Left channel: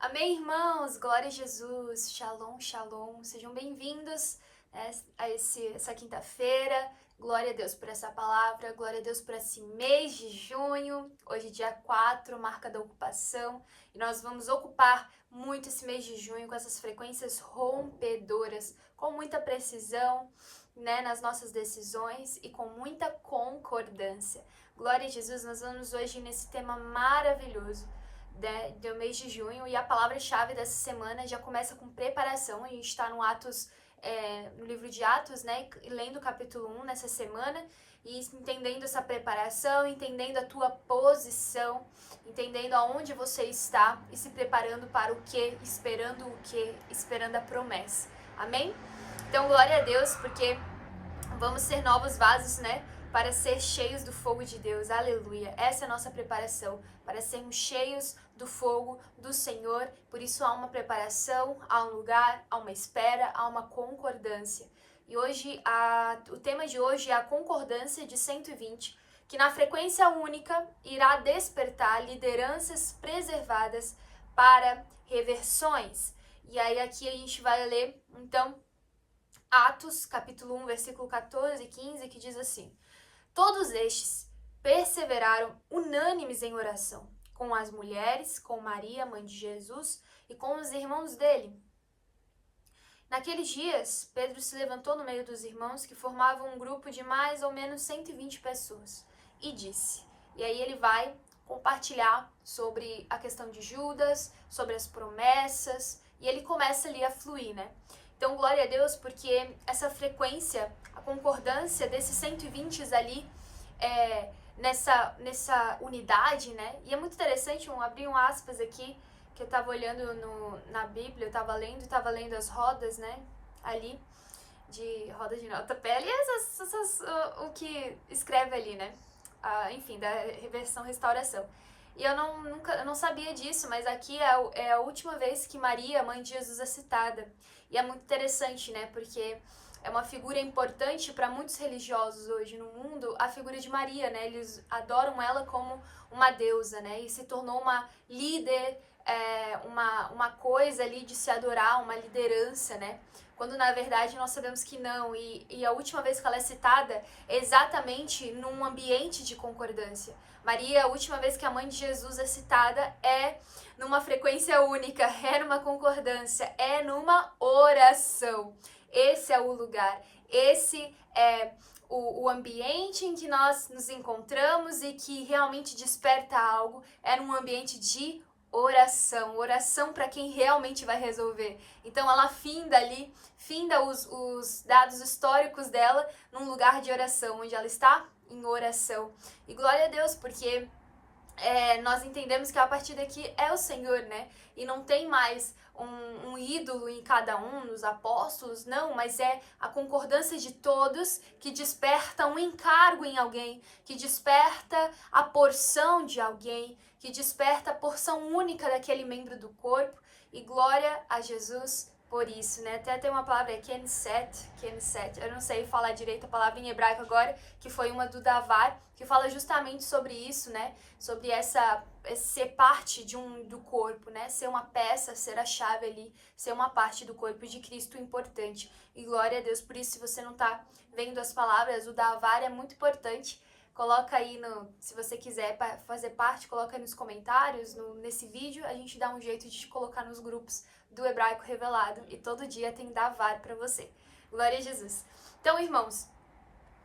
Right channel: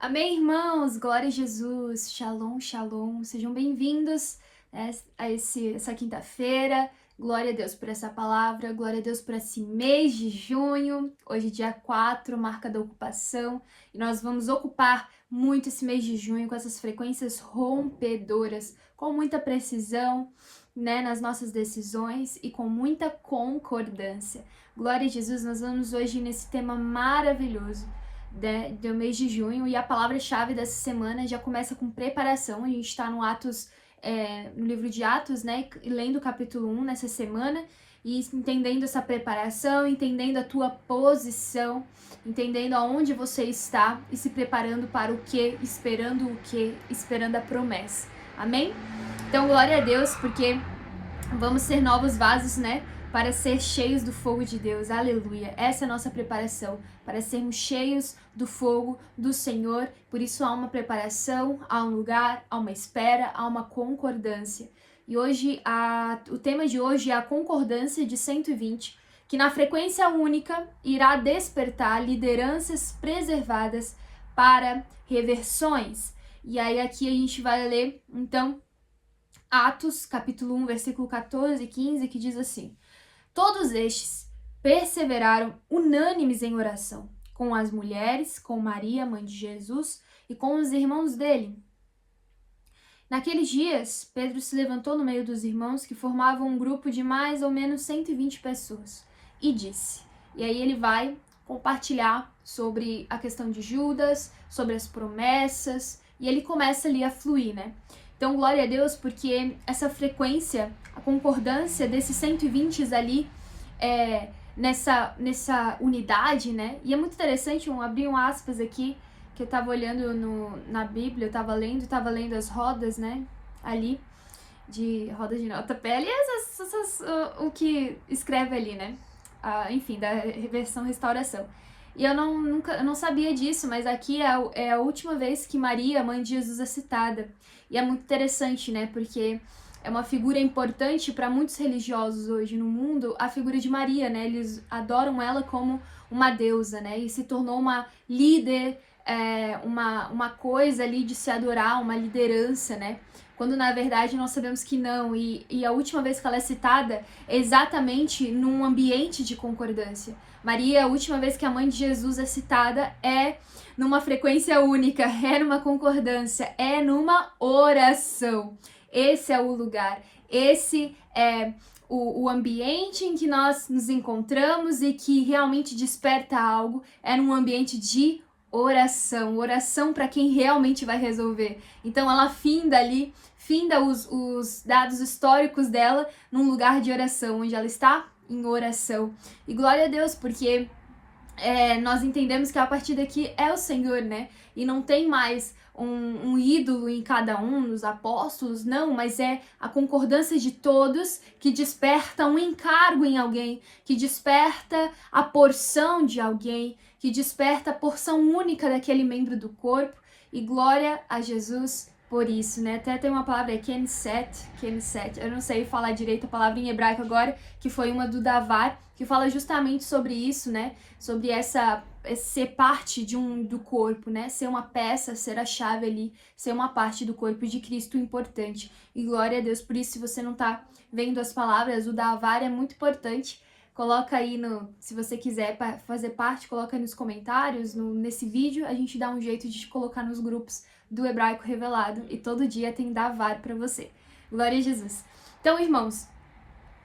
Amém, irmãos? Glória a Jesus. Shalom, shalom. Sejam bem-vindos essa quinta-feira. Glória a Deus por essa palavra. Glória a Deus por esse mês de junho. Hoje, dia 4, marca da ocupação. E nós vamos ocupar muito esse mês de junho com essas frequências rompedoras, com muita precisão, nas nossas decisões e com muita concordância. Glória a Jesus. Nós vamos hoje nesse tema maravilhoso do mês de junho, e a palavra-chave dessa semana já começa com preparação. A gente está no livro de Atos, lendo o capítulo 1 nessa semana, e entendendo essa preparação, entendendo a tua posição, entendendo aonde você está e se preparando para o que, esperando a promessa. Amém? Então, glória a Deus, porque vamos ser novos vasos, para ser cheios do fogo de Deus. Aleluia. Essa é a nossa preparação, para sermos cheios do fogo do Senhor. Por isso há uma preparação, há um lugar, há uma espera, há uma concordância. E hoje, o tema de hoje é a concordância de 120, que na frequência única irá despertar lideranças preservadas para reversões. E aí aqui a gente vai ler, então, Atos, capítulo 1, versículo 14 e 15, que diz assim: Todos estes perseveraram unânimes em oração, com as mulheres, com Maria, mãe de Jesus, e com os irmãos dele. Naqueles dias, Pedro se levantou no meio dos irmãos, que formavam um grupo de mais ou menos 120 pessoas, e disse. E aí ele vai compartilhar sobre a questão de Judas, sobre as promessas, e ele começa ali a fluir, Então, glória a Deus, porque essa frequência, a concordância desses 120 ali, nessa unidade, E é muito interessante, abri um aspas aqui, que eu tava olhando na Bíblia, eu tava lendo as rodas, ali, rodas de notapé, ali, o que escreve ali, enfim, da versão restauração. E eu não sabia disso, mas aqui é a última vez que Maria, mãe de Jesus, é citada. E é muito interessante, porque é uma figura importante para muitos religiosos hoje no mundo, a figura de Maria, Eles adoram ela como uma deusa, E se tornou uma líder, uma coisa ali de se adorar, uma liderança, Quando na verdade nós sabemos que não. E a última vez que ela é citada é exatamente num ambiente de concordância. Maria, a última vez que a mãe de Jesus é citada é numa frequência única, é numa concordância, é numa oração. Esse é o lugar, esse é o ambiente em que nós nos encontramos e que realmente desperta algo, é num ambiente de oração para quem realmente vai resolver. Então ela finda os dados históricos dela num lugar de oração, onde ela está em oração. E glória a Deus, porque nós entendemos que a partir daqui é o Senhor, E não tem mais um ídolo em cada um, nos apóstolos, não, mas é a concordância de todos que desperta um encargo em alguém, que desperta a porção de alguém, que desperta a porção única daquele membro do corpo. E glória a Jesus por isso, Até tem uma palavra, Knesset, eu não sei falar direito a palavra em hebraico agora, que foi uma do Davar, que fala justamente sobre isso, Sobre ser parte do corpo, Ser uma peça, ser a chave ali, ser uma parte do corpo de Cristo importante. E glória a Deus por isso. Se você não tá vendo as palavras, o Davar é muito importante. Coloca aí se você quiser fazer parte, coloca aí nos comentários, nesse vídeo, a gente dá um jeito de te colocar nos grupos do Hebraico Revelado, e todo dia tem Davar para você. Glória a Jesus. Então, irmãos,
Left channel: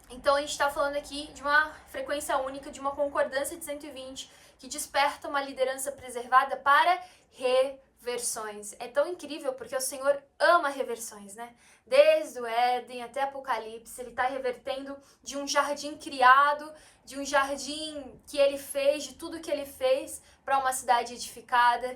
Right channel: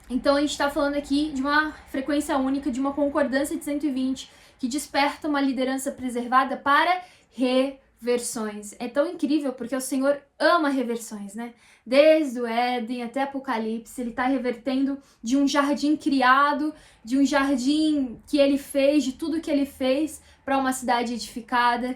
a gente está falando aqui de uma frequência única, de uma concordância de 120, que desperta uma liderança preservada para reversões. É tão incrível, porque o Senhor ama reversões, Desde o Éden até Apocalipse, ele está revertendo de um jardim criado, de um jardim que ele fez, de tudo que ele fez, para uma cidade edificada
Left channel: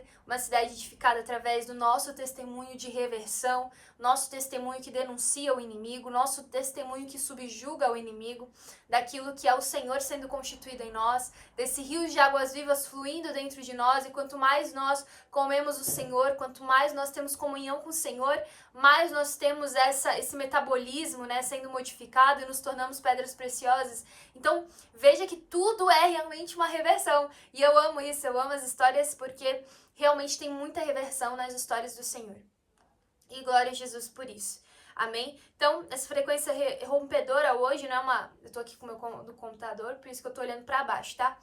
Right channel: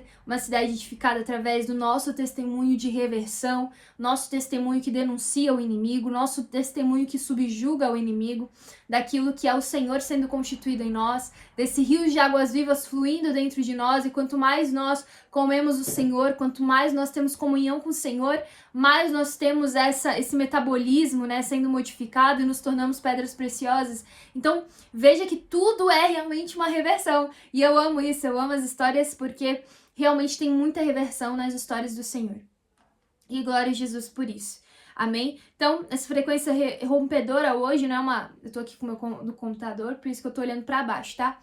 através do nosso testemunho de reversão, nosso testemunho que denuncia o inimigo, nosso testemunho que subjuga o inimigo, daquilo que é o Senhor sendo constituído em nós, desse rio de águas vivas fluindo dentro de nós. E quanto mais nós comemos o Senhor, quanto mais nós temos comunhão com o Senhor, mais nós temos esse metabolismo, sendo modificado, e nos tornamos pedras preciosas. Então, veja que tudo é realmente uma reversão. E eu amo isso, eu amo as histórias, porque realmente tem muita reversão nas histórias do Senhor. E glória a Jesus por isso. Amém? Então, essa frequência rompedora hoje não é uma... Eu tô aqui com o meu do computador, por isso que eu tô olhando para baixo, tá?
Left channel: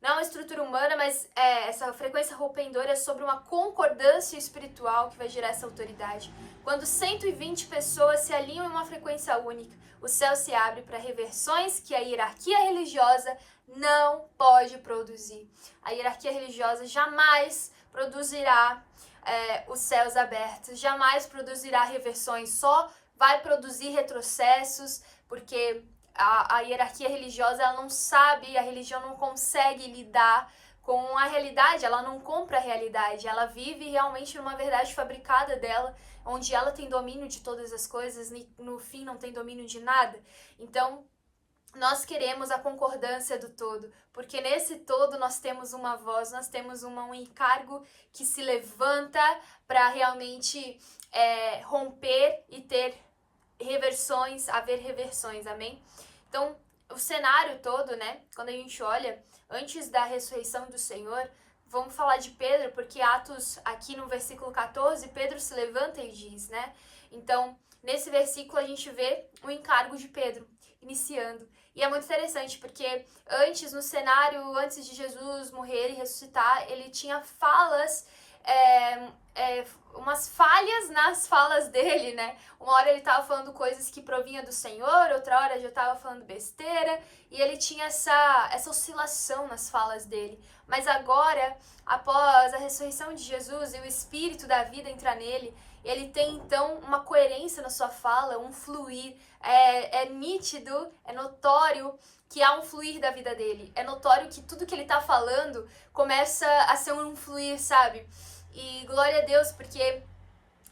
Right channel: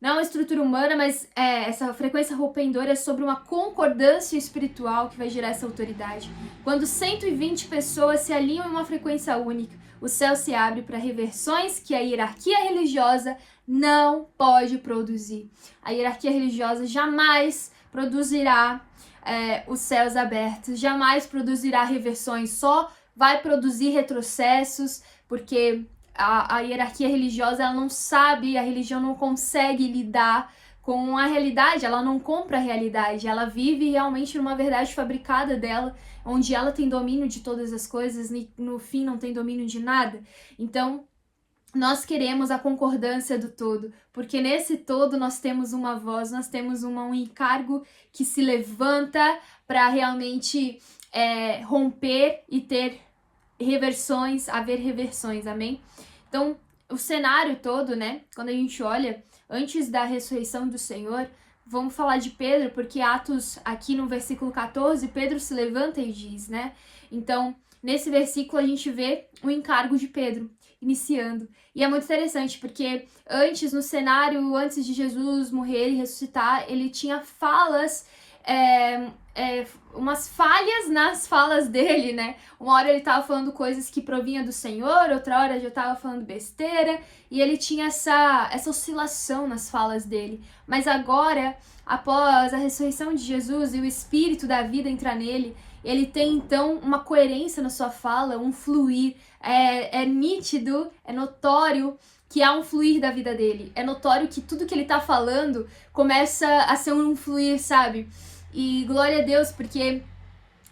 Não é uma estrutura humana, mas essa frequência rompedora é sobre uma concordância espiritual que vai gerar essa autoridade. Quando 120 pessoas se alinham em uma frequência única, o céu se abre para reversões que a hierarquia religiosa não pode produzir. A hierarquia religiosa jamais produzirá os céus abertos, jamais produzirá reversões, só vai produzir retrocessos, porque a hierarquia religiosa ela não sabe, a religião não consegue lidar com a realidade, ela não compra a realidade, ela vive realmente numa verdade fabricada dela, onde ela tem domínio de todas as coisas e no fim não tem domínio de nada. Então, nós queremos a concordância do todo, porque nesse todo nós temos uma voz, nós temos um encargo que se levanta para realmente romper e ter reversões, haver reversões, amém? Então, o cenário todo, né, quando a gente olha, antes da ressurreição do Senhor, vamos falar de Pedro, porque Atos, aqui no versículo 14, Pedro se levanta e diz, né? Então, nesse versículo a gente vê o encargo de Pedro iniciando. E é muito interessante, porque antes, no cenário, antes de Jesus morrer e ressuscitar, ele tinha falas, umas falhas nas falas dele, né? Uma hora ele tava falando coisas que provinham do Senhor, outra hora já tava falando besteira, e ele tinha essa oscilação nas falas dele. Mas agora, após a ressurreição de Jesus e o Espírito da vida entrar nele, ele tem então uma coerência na sua fala, um fluir, é nítido, é notório que há um fluir da vida dele. É notório que tudo que ele tá falando começa a ser um fluir, sabe? E glória a Deus, porque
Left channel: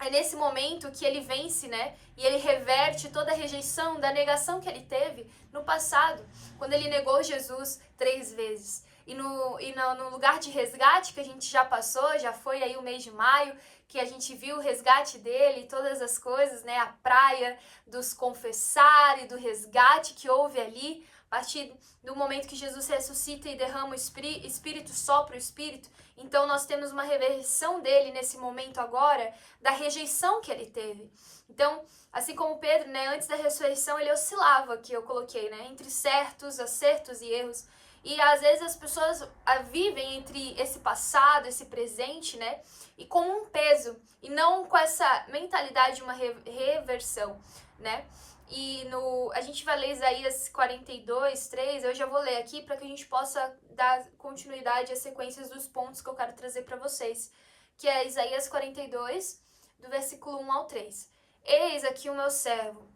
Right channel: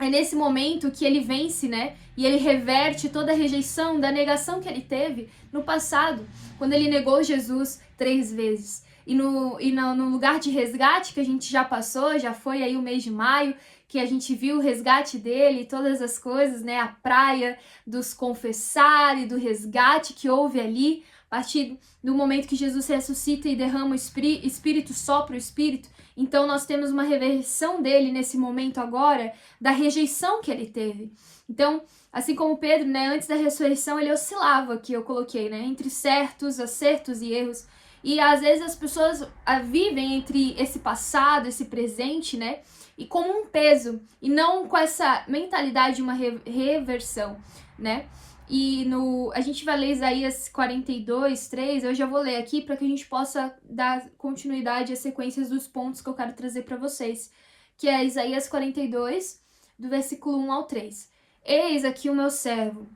é nesse momento que ele vence, né? E ele reverte toda a rejeição, da negação que ele teve no passado, quando ele negou Jesus 3 vezes. E no lugar de resgate que a gente já passou, já foi aí o mês de maio, que a gente viu o resgate dele, todas as coisas, né? A praia dos confessar e do resgate que houve ali, a partir do momento que Jesus ressuscita e derrama o Espírito, sopra o Espírito. Então nós temos uma reversão dele nesse momento agora, da rejeição que ele teve. Então, assim como Pedro, né, antes da ressurreição ele oscilava, que eu coloquei, né, entre certos, acertos e erros. E às vezes as pessoas vivem entre esse passado, esse presente, né, e como um peso, e não com essa mentalidade de uma reversão, né. E a gente vai ler Isaías 42, 3, eu já vou ler aqui para que a gente possa dar continuidade às sequências dos pontos que eu quero trazer para vocês, que é Isaías 42, do versículo 1 ao 3. Eis aqui o meu servo,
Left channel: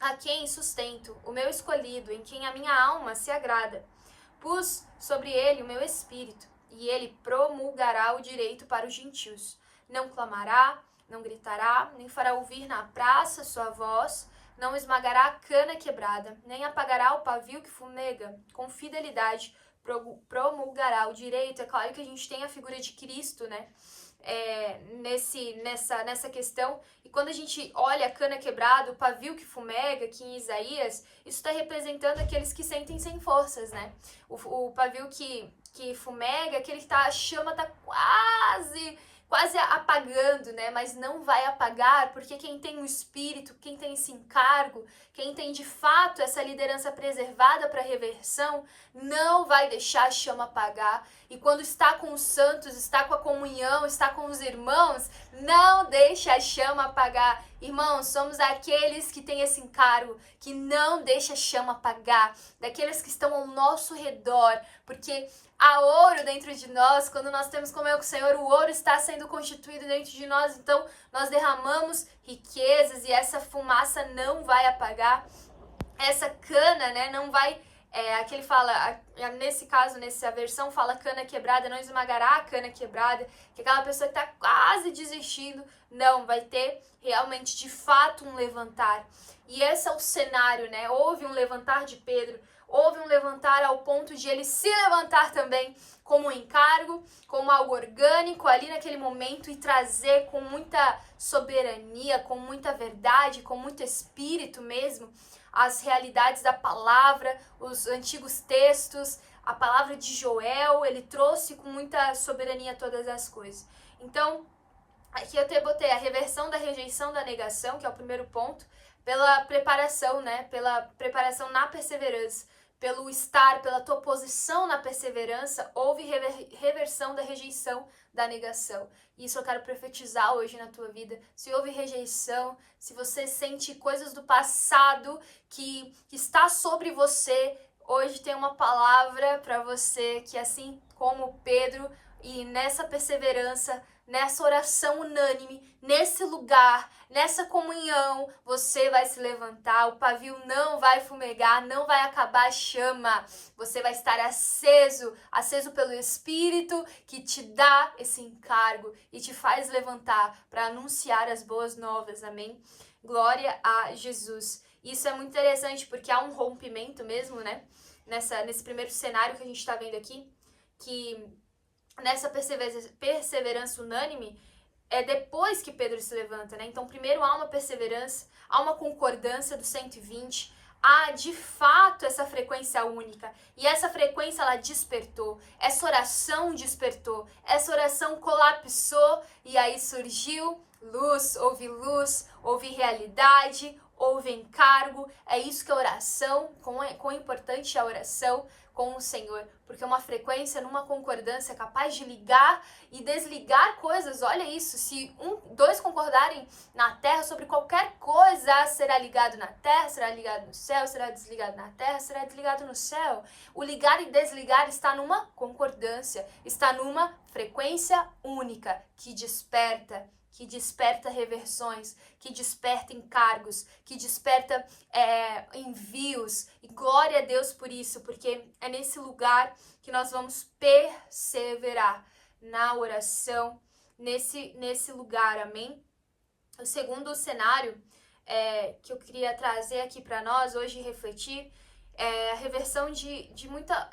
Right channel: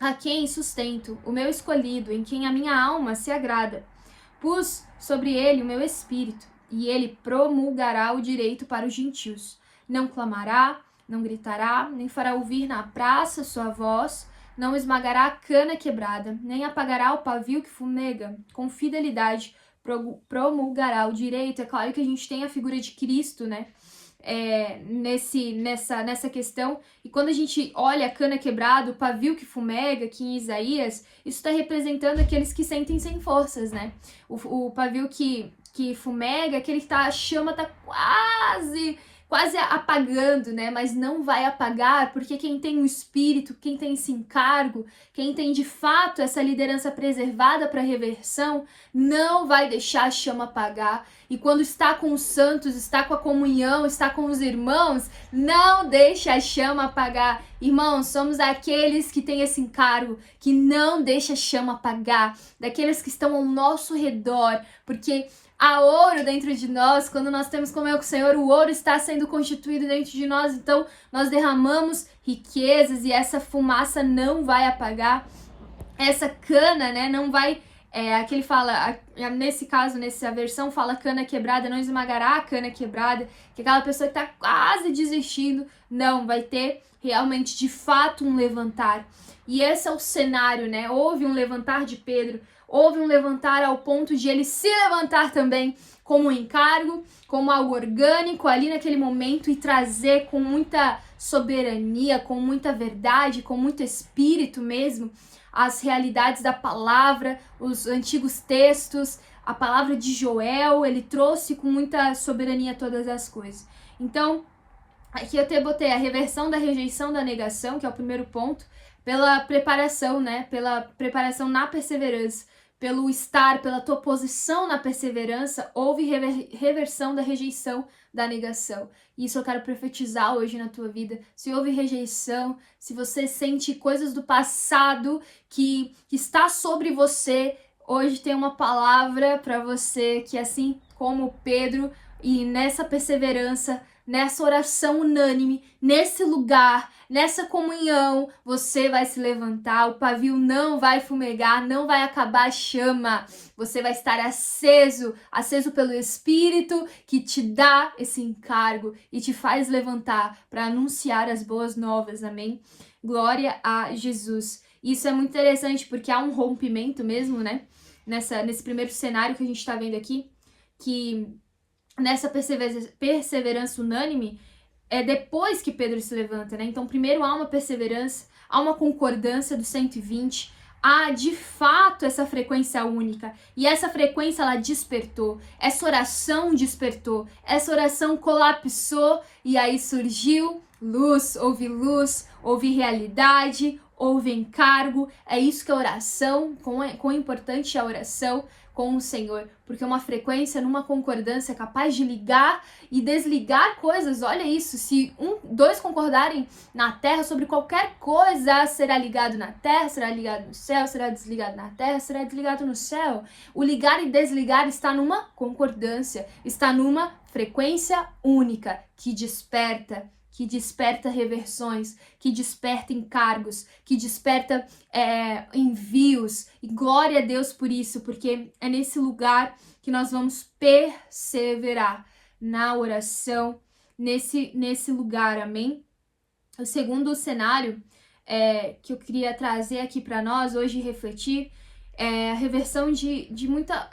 a quem sustento, o meu escolhido, em quem a minha alma se agrada. Pus sobre ele o meu espírito, e ele promulgará o direito para os gentios. Não clamará, não gritará, nem fará ouvir na praça sua voz, não esmagará a cana quebrada, nem apagará o pavio que fumega. Com fidelidade promulgará o direito. É claro que a gente tem a figura de Cristo, né? Nessa questão. E quando a gente olha a cana quebrada, o pavio que fumega, aqui em Isaías, isso está representando aqueles que sentem sem forças, né? O pavio que fumega, aquele que a chama tá quase apagando, né? Mas não vai apagar, porque quem tem o Espírito, quem tem esse encargo, quem tem de fato essa liderança preservada para reversão, não vai deixar a chama apagar. E quando está com os santos, está com a comunhão, está com os irmãos, não deixa a chama apagar. Irmãos, somos aqueles que têm esse encargo, que não deixa a chama apagar, daqueles que estão ao nosso redor, porque há ouro dentro de nós. Quando nós temos comunhão com o Senhor, o ouro está sendo constituído dentro de nós, então nós derramamos riquezas e essa fumaça não vai apagar, essa cana, né, não vai, aqui ele fala, nesse caso, nessa versão, fala cana quebrada, não esmagará a cana quebrada, que aquela pessoa que está quase desistindo, não, vai ter realmente, de fato, um levantar. E esse é o cenário, né, houve um levantar de Pedro, houve um levantar ao ponto de ele se levantar também como um encargo, como algo orgânico ali naquele momento e trazer com muita soberania, com muita verdade, com muito espírito mesmo, as realidades da palavra, os antigos textos, a palavra de Joel, ele trouxe com muita soberania todas as coisas. Então, aqui eu até botei a reversão da rejeição da negação, que é o primeiro ponto, pela preparação, né? Pela preparação na perseverança, pelo estar, pela tua posição na perseverança, houve reversão da rejeição da negação. Isso eu quero profetizar hoje na tua vida. Se houve rejeição, se você sente coisas do passado que está sobre você, hoje tem uma palavra para você que, assim como Pedro, e nessa perseverança, nessa oração unânime, nesse lugar, nessa comunhão, você vai se levantar, o pavio não vai fumegar, não vai acabar a chama. Você vai estar aceso pelo Espírito que te dá esse encargo e te faz levantar para anunciar as boas novas, amém? Glória a Jesus. Isso é muito interessante porque há um rompimento mesmo, né? Nesse primeiro cenário que a gente está vendo aqui, que nessa perseverança unânime, é depois que Pedro se levanta, né? Então, primeiro há uma perseverança, há uma concordância do 120, há de fato essa frequência única. E essa frequência, ela despertou, essa oração despertou, essa oração colapsou e aí surgiu luz, houve realidade, houve encargo. É isso que é oração, quão importante é a oração com o Senhor, porque uma frequência numa concordância é capaz de ligar e desligar coisas. Olha isso, se dois concordarem na terra sobre qualquer coisa, será ligado na terra, será ligado no céu, será desligado na terra, será desligado no céu. O ligar e desligar está numa concordância, está numa frequência única que desperta reversões, que desperta encargos, que desperta envios. E glória a Deus por isso, porque é nesse lugar que nós vamos perseverar na oração, nesse lugar, amém? O segundo cenário que eu queria trazer aqui para nós hoje e refletir é a reversão de muita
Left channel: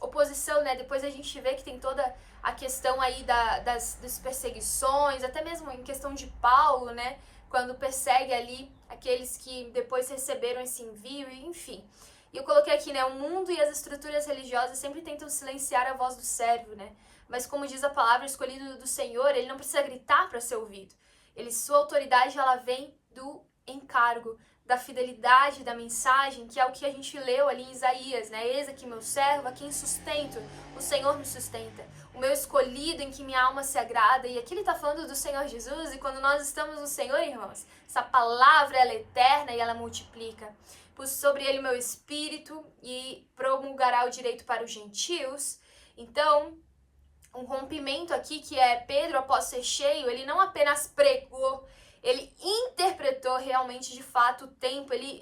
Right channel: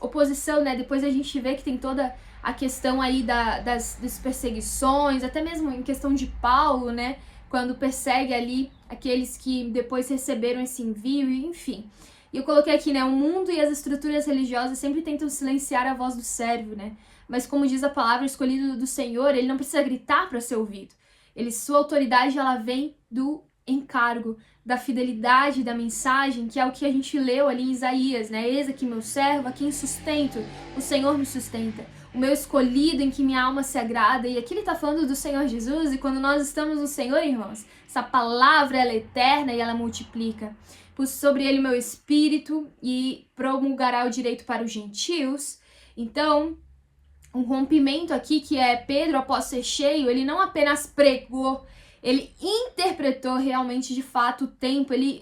oposição, né? Depois a gente vê que tem toda a questão aí das perseguições, até mesmo em questão de Paulo, né? Quando persegue ali aqueles que depois receberam esse envio, enfim. E eu coloquei aqui, né? O mundo e as estruturas religiosas sempre tentam silenciar a voz do servo, né? Mas como diz a palavra, o escolhido do Senhor, ele não precisa gritar para ser ouvido. Sua autoridade, ela vem do encargo, da fidelidade da mensagem, que é o que a gente leu ali em Isaías, né? Eis aqui meu servo, a quem sustento, o Senhor me sustenta. O meu escolhido em que minha alma se agrada. E aqui ele tá falando do Senhor Jesus, e quando nós estamos no Senhor, irmãos, essa palavra, ela é eterna e ela multiplica. Pus sobre ele meu espírito e promulgará o direito para os gentios. Então, um rompimento aqui que é Pedro, após ser cheio, ele não apenas pregou, ele interpretou realmente de fato o tempo, ele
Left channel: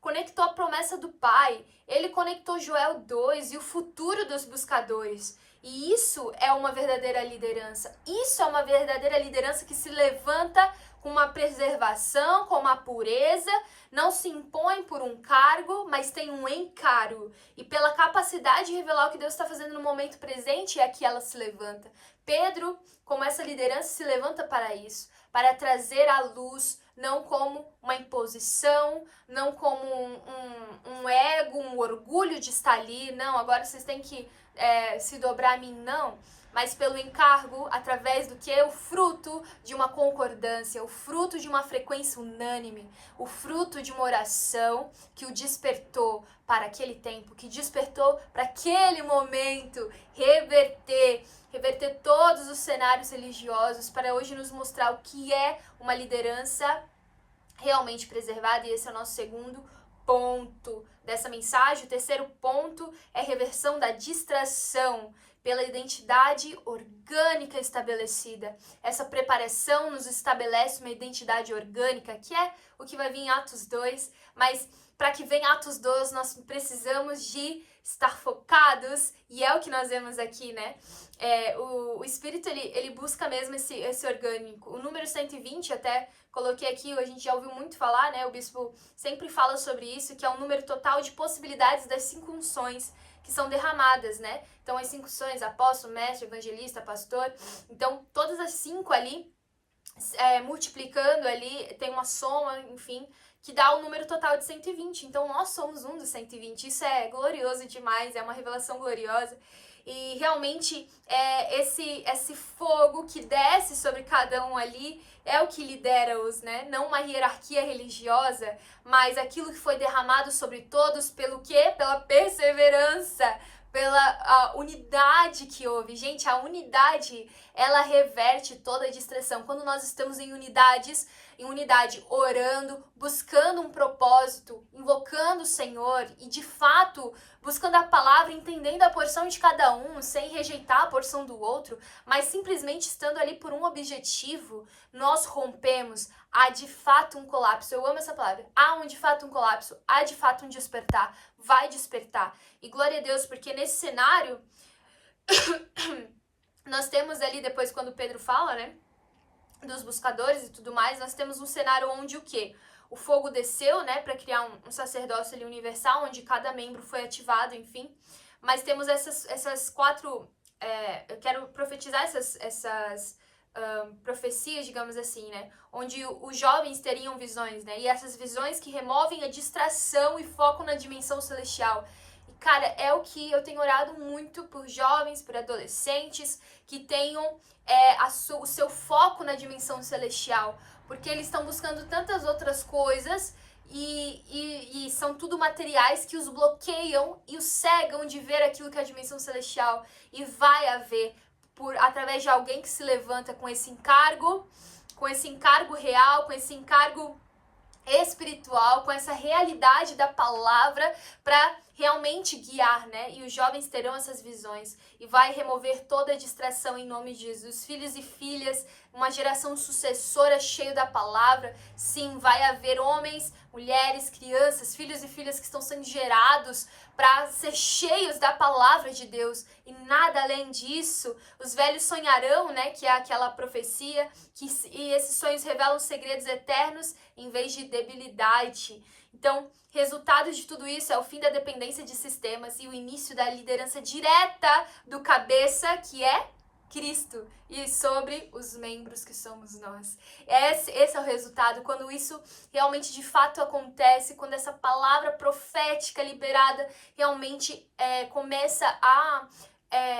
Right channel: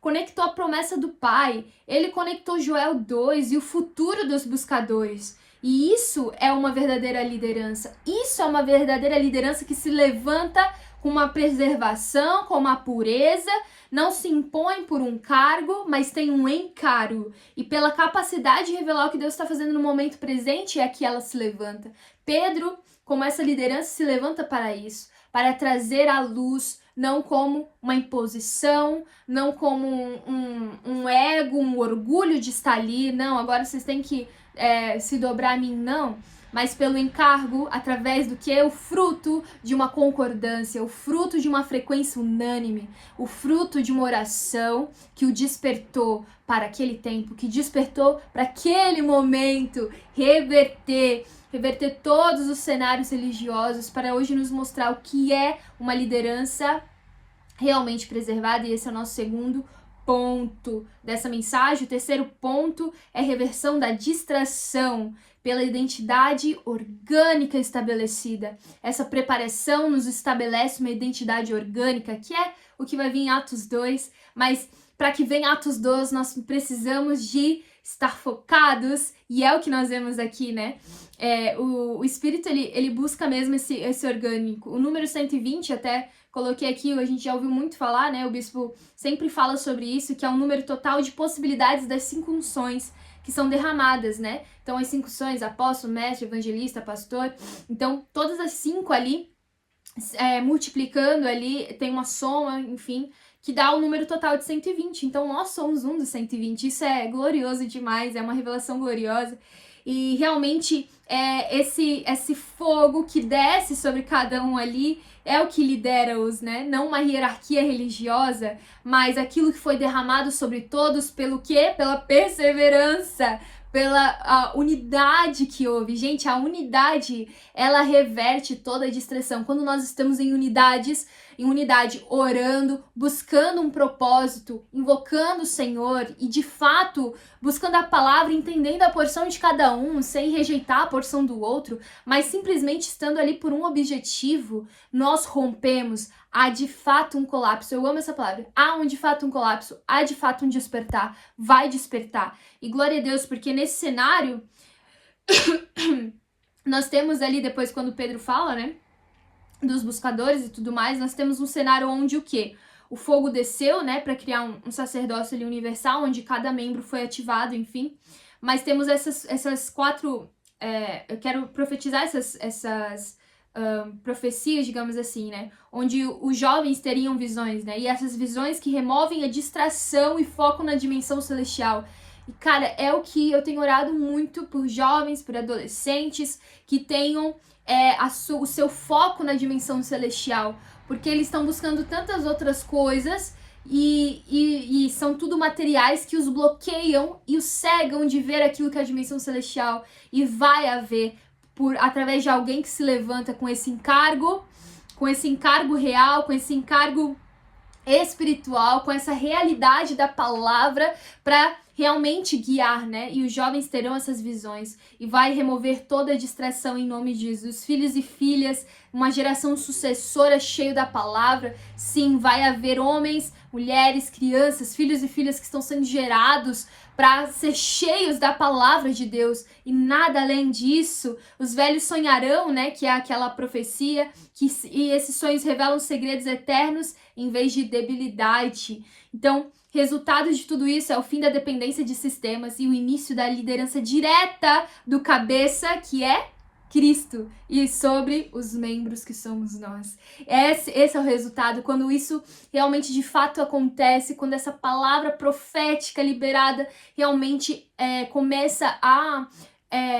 conectou a promessa do Pai, ele conectou Joel 2 e o futuro dos buscadores. E isso é uma verdadeira liderança. Isso é uma verdadeira liderança que se levanta com uma preservação, com uma pureza, não se impõe por um cargo, mas tem um encargo. E pela capacidade de revelar o que Deus está fazendo no momento presente, é que ela se levanta. Pedro, como essa liderança, se levanta para isso, para trazer à luz, não como uma imposição, não como um ego, um orgulho de estar ali. Não, agora vocês têm que se dobrar a mim, não. Mas pelo encargo, através do que? O fruto de uma concordância, o fruto de uma frequência unânime, o fruto de uma oração que o despertou para aquele tempo, que despertou para aquele momento, reverter todos os cenários religiosos para hoje nos mostrar o que é uma liderança realmente preservada. E esse é o nosso segundo ponto dessa mensagem. O terceiro ponto é reversão da distração pela identidade orgânica estabelecida. Essa preparação nos estabelece uma identidade orgânica, que é o que vai vir em Atos 2, mas para que venha Atos 2, nós precisamos de estar focados, e é o que nós vemos aqui, né? O Espírito, ele busca mesmo esse orgânico. O número 120, até coloquei aqui, a gente já ouviu muito falar, né? O bispo sempre fala sobre isso, que é um número total de possibilidades das 5 unções que são derramadas, né? Então, as 5 unções, apóstolo, mestre, evangelista, pastor. Então, todas as 5 ali, multiplicando ali, tem uma soma, enfim, que dá o número total de 120. Então, nós somos um dos 120. Isso é glorioso demais, é uma revelação gloriosa. E realmente, esse fogo que desce sobre cada um ali é o que lidera-os, né? Não uma hierarquia religiosa, mas aquilo que foi derramado sobre todos pelo quê? Pela perseverança, pela unidade que houve. Gente, a unidade, ela reverte toda a distração. Quando nós estamos em unidade, orando, buscando um propósito, invocando o Senhor e, de fato, buscando a palavra, entendendo a porção de cada um, sem rejeitar a porção do outro, mas simplesmente estando ali por um objetivo, nós rompemos. Há de fato um colapso. Eu amo essa palavra. Há de fato um colapso. Há de fato um despertar. Vai despertar. E glória a Deus, porque nesse cenário, nós temos ali, depois quando Pedro fala, né, dos buscadores e tudo mais, nós temos um cenário onde o quê? O fogo desceu, né, para criar um sacerdócio ali universal, onde cada membro foi ativado, enfim. Mas temos essas quatro... eu quero profetizar essas profecias, digamos assim, né? Onde os jovens teriam visões, né? E essas visões que removem a distração e focam na dimensão celestial. E, cara, é o que eu tenho orado muito por jovens, por adolescentes, que tenham o seu foco na dimensão celestial. Porque eles estão buscando tantas outras coisas e são tudo materiais que os bloqueiam e os cegam de ver aquilo que é a dimensão celestial. E vai haver, através de alguém que se levanta com esse encargo real, com esse encargo espiritual, com essa realidade da palavra para realmente guiar, né? E os jovens terão essas visões e vai remover toda a distração em nome de Jesus. Filhos e filhas, uma geração sucessora cheia da palavra. Sim, vai haver homens, mulheres, crianças, filhos e filhas que estão sendo gerados para ser cheios da palavra de Deus e nada além disso. Os velhos sonharão, né? Que é aquela profecia e esses sonhos revelam segredos eternos em vez de debilidade. Então, resultado de tudo isso é o fim da dependência de sistemas e o início da liderança direta do cabeça, que é Cristo, e sobre os membros que somos nós. Esse é o resultado, quando isso realmente de fato acontece, quando essa palavra profética liberada realmente começa a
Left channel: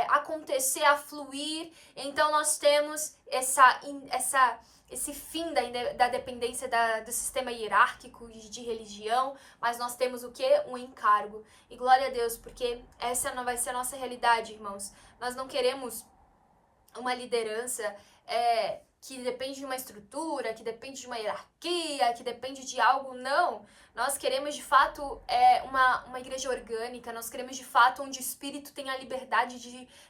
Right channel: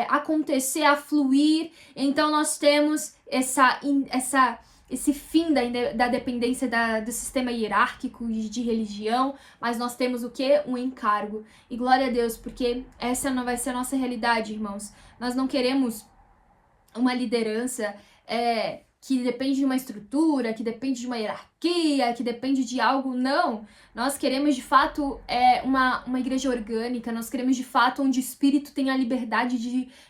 acontecer, a fluir. Então nós temos esse fim da dependência do sistema hierárquico de religião, mas nós temos o quê? Um encargo. E glória a Deus, porque essa não vai ser a nossa realidade, irmãos. Nós não queremos uma liderança que depende de uma estrutura, que depende de uma hierarquia, que depende de algo. Não. Nós queremos, de fato, uma igreja orgânica. Nós queremos, de fato, onde o Espírito tem a liberdade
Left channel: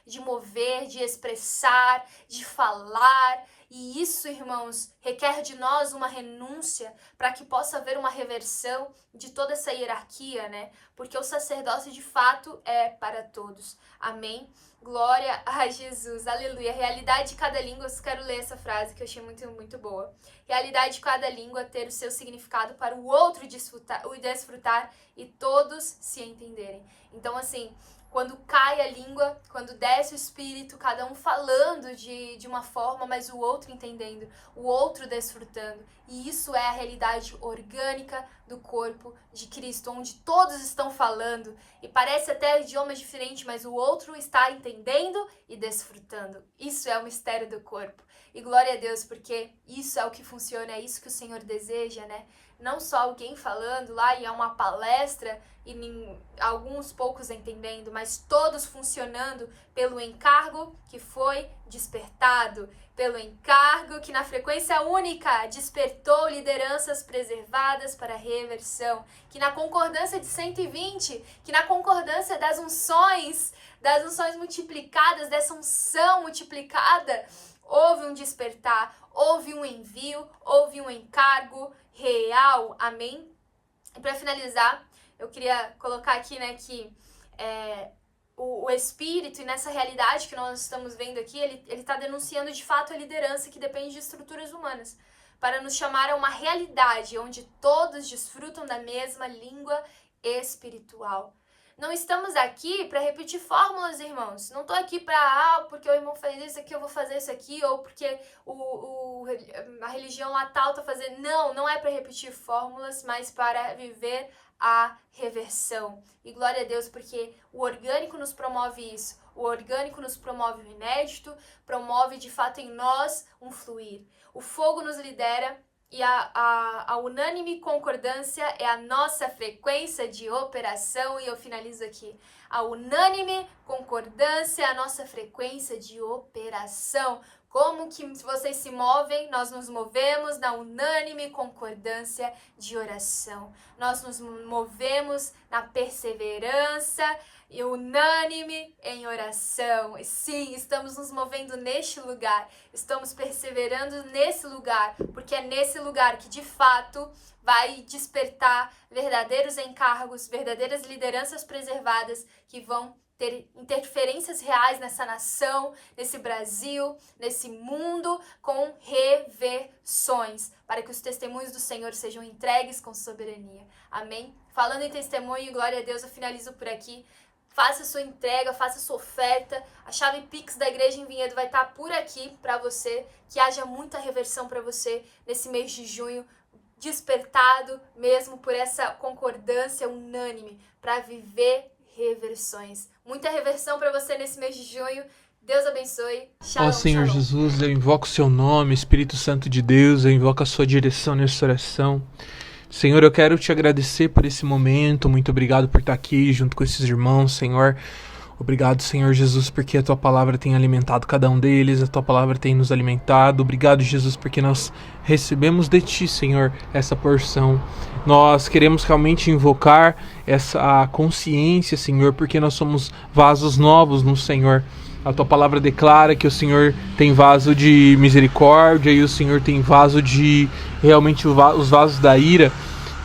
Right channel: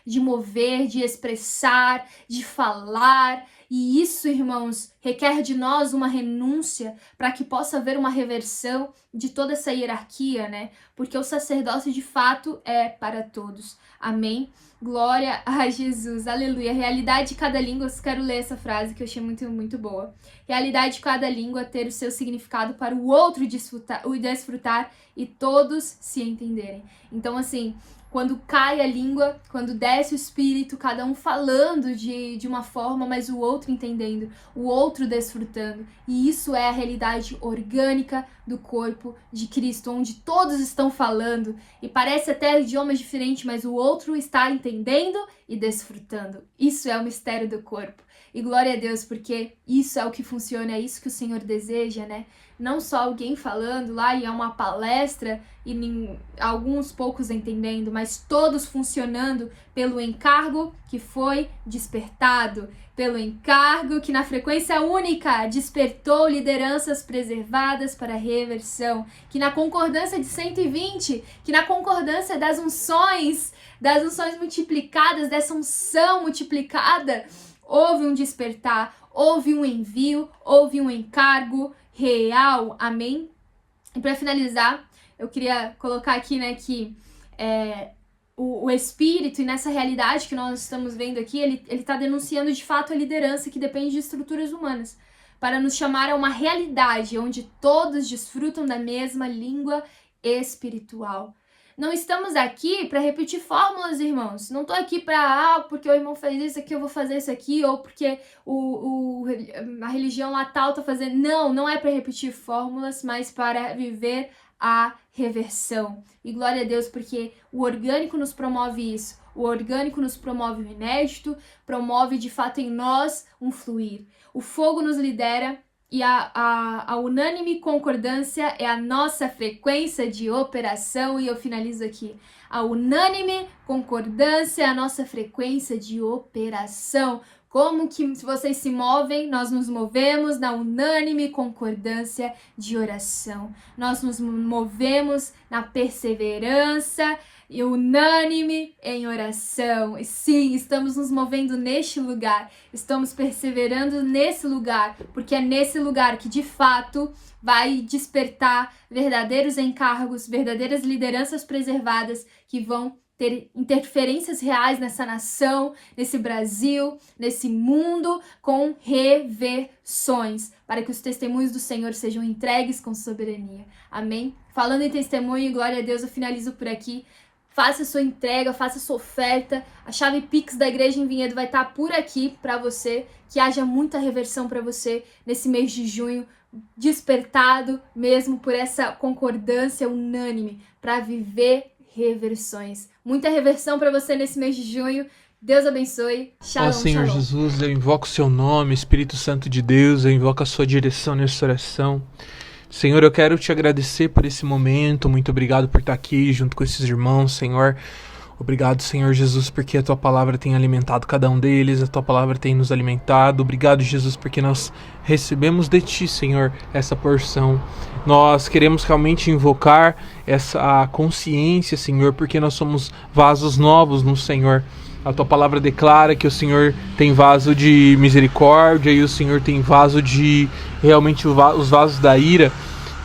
de mover, de expressar, de falar. E isso, irmãos, requer de nós uma renúncia para que possa haver uma reversão de toda essa hierarquia, né? Porque o sacerdócio, de fato, é para todos. Amém? Glória a Jesus, aleluia. Realidade de cada língua, eu quero ler essa frase que eu achei muito, muito boa. Realidade de cada língua ter o seu significado para o outro desfrutar e todos se entenderem. Então, assim, quando cai a língua, quando desce o Espírito, cada um falando de uma forma, mas o outro entendendo, o outro desfrutando. E isso é a realidade orgânica do corpo de Cristo, onde todos estão falando e parece até idiomas diferentes, mas o outro está entendendo e desfrutando. Isso é o mistério do corpo. E glória a Deus, porque isso é o que funciona, é isso que o Senhor deseja, né? Não só alguém falando lá e é uma palestra e alguns poucos entendendo, mas todos funcionando pelo encargo que foi despertado, pelo encargo que na frequência única despertou lideranças preservadas para reversão, que na concordância de 120, que na concordância das unções multiplicadas, dessa unção multiplicada, houve um despertar, houve um envio, houve um encargo real, amém? E para finalizar, eu queria colocar aqui, né, que o Espírito, e nessa realidade que nós estamos vendo aqui, ele está denunciando de fato a liderança que depende de estruturas humanas, para nos chamar a uma realidade onde todos desfrutam da mesma língua espiritual. Não estamos aqui para repetir fórmulas, irmãos. Não tô aqui para, porque o irmão fez isso aqui, eu vou fazer isso aqui, ou porque a religião lá tal tá fazendo. Não é para repetir fórmulas, mas para viver a reversão. E glória a Deus, porque o orgânico nos promove isso. O orgânico nos promove o inédito, promove de fato em nós um fluir. O fogo nos lidera e a unânime concordância é a nossa frequência de operação. E eu finalizo aqui. A unânime concordância é a nossa frequência de operação. Como que vocês se movem? Nós nos movemos na unânime concordância de oração. Nós nos movemos na perseverança e unânime em oração. E sim, estamos nos movendo neste lugar. Estamos perseverando nesse lugar, porque é nesse lugar que de fato vai despertar verdadeiros encargos, verdadeiras lideranças preservadas que vão ter interferências reais nessa nação, nesse Brasil, nesse mundo, com reversões, para que os testemunhos do Senhor sejam entregues com soberania. Amém? Falando em testemunho, glória a Deus, eu finalizo por aqui. Faça sua entrega, faça sua oferta. A chave Pix da Igreja em Vinhedo vai estar por aqui para você. Que haja muita reversão para você nesse mês de junho, despertado mesmo por essa concordância unânime para viver reversões. Muita reversão para você nesse mês de junho. Deus abençoe. Shalom, Ó Senhor shalom. Jesus, eu invoco o seu nome, Espírito Santo de Deus, eu invoco a sua direção nessa oração. Senhor, eu quero te agradecer por esse momento, muito obrigado por estar aqui junto com esses irmãos, Senhor. Obrigado, Senhor Jesus, porque a tua palavra tem alimentado cada um deles, a tua palavra tem nos alimentado. Obrigado, Jesus, porque nós recebemos de ti, Senhor, essa porção. Nós queremos realmente invocar essa consciência, Senhor, porque nós somos vasos novos no Senhor. A tua palavra declara que o Senhor tem vaso de misericórdia e o Senhor tem vaso de, realmente, os vasos da ira.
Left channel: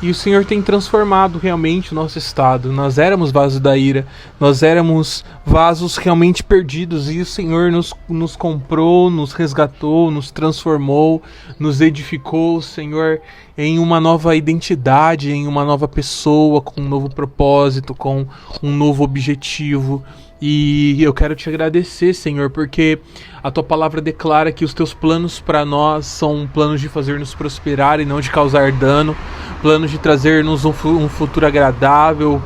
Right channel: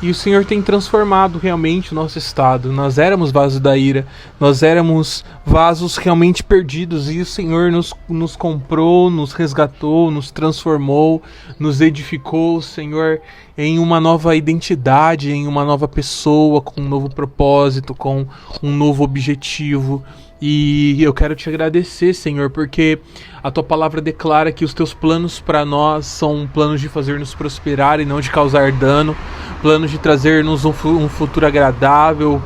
E o Senhor tem transformado realmente o nosso estado. Nós éramos vasos da ira, nós éramos vasos realmente perdidos. E o Senhor nos comprou, nos resgatou, nos transformou, nos edificou, Senhor, em uma nova identidade, em uma nova pessoa, com um novo propósito, com um novo objetivo. E eu quero te agradecer, Senhor, porque a tua palavra declara que os teus planos para nós são planos de fazer-nos prosperar e não de causar dano, planos de trazer-nos um futuro agradável.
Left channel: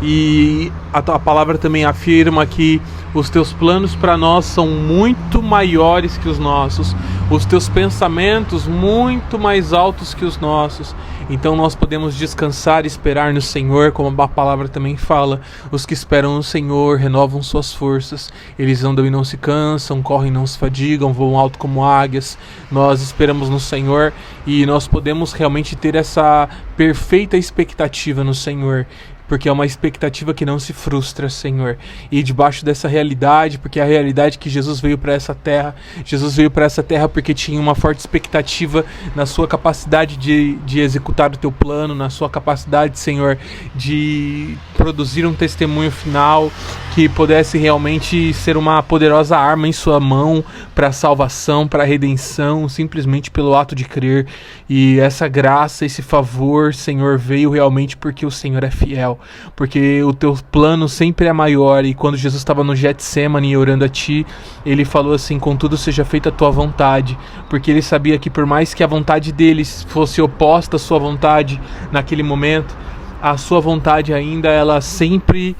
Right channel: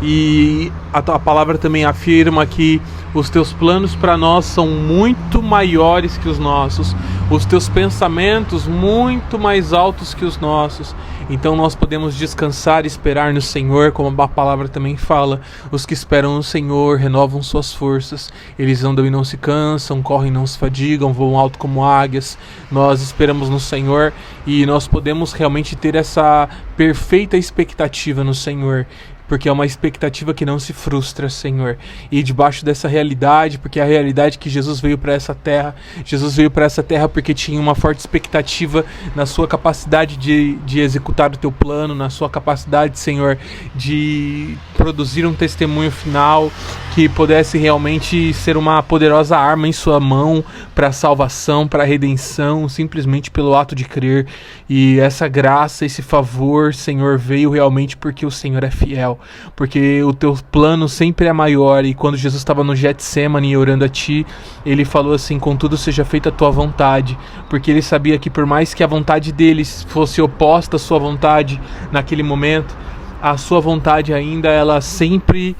E a tua palavra também afirma que os teus planos para nós são muito maiores que os nossos, os teus pensamentos muito mais altos que os nossos. Então nós podemos descansar e esperar no Senhor, como a palavra também fala. Os que esperam no Senhor renovam suas forças. Eles andam e não se cansam, correm e não se fadigam, voam alto como águias. Nós esperamos no Senhor e nós podemos realmente ter essa perfeita expectativa no Senhor, porque é uma expectativa que não se frustra, Senhor. E debaixo dessa realidade, porque é a realidade que Jesus veio para essa terra. Jesus veio para essa terra porque tinha uma forte expectativa na sua capacidade de executar o teu plano, na sua capacidade, Senhor, de produzir um testemunho final que pudesse realmente ser uma poderosa arma em sua mão para a salvação, para a redenção, simplesmente pelo ato de crer. E essa graça, esse favor, Senhor, veio realmente porque o Senhor é fiel. Porque o teu plano sempre é maior. E quando Jesus estava no Getsemane orando a ti, ele falou assim: contudo seja feita a tua vontade. Porque ele sabia que por mais que a vontade deles fosse oposta à sua vontade naquele momento, a sua vontade ainda, ela sempre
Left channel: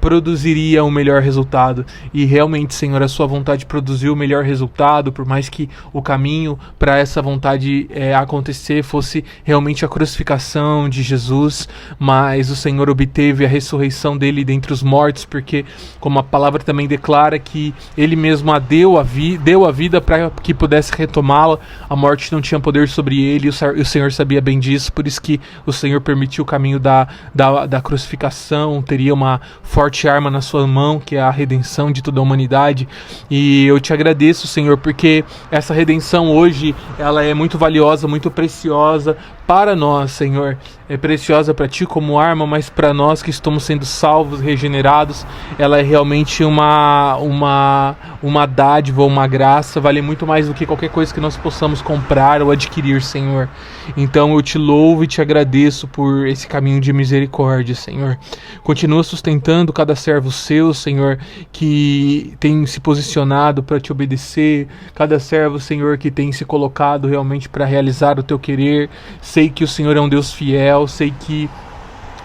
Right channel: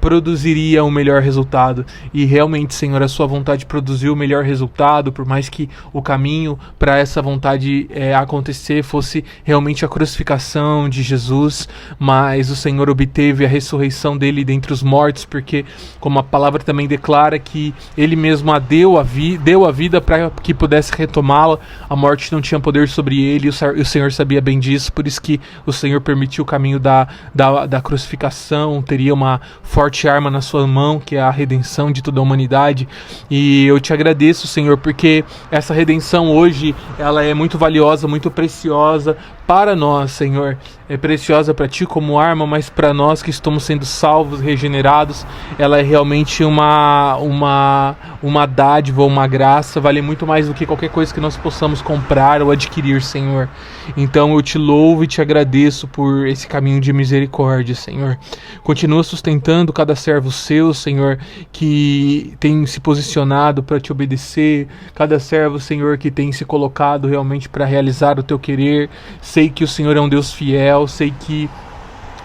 produziria o melhor resultado. E realmente, Senhor, a sua vontade produziu o melhor resultado, por mais que o caminho para essa vontade acontecer fosse realmente a crucificação de Jesus, mas o Senhor obteve a ressurreição dele dentre os mortos, porque, como a palavra também declara, que ele mesmo deu a vida para que pudesse retomá-la. A morte não tinha poder sobre ele, e o Senhor sabia bem disso, por isso que o Senhor permitiu o caminho da crucificação. Teria uma forte arma na sua mão, que é a redenção de toda a humanidade. E eu te agradeço, Senhor, porque essa redenção hoje, ela é muito valiosa, muito preciosa, para nós, Senhor, é preciosa para Ti como arma, mas para nós que estamos sendo salvos, regenerados, ela é realmente uma dádiva, uma graça, vale muito mais do que qualquer coisa que nós possamos comprar ou adquirir, Senhor. Então eu Te louvo e Te agradeço por esse caminho de misericórdia, Senhor. Continua sustentando cada servo Seu, Senhor, que tem se posicionado para Te obedecer, cada servo, Senhor, que tem se colocado realmente para realizar o Teu querer. Sei que o Senhor é um Deus fiel, sei que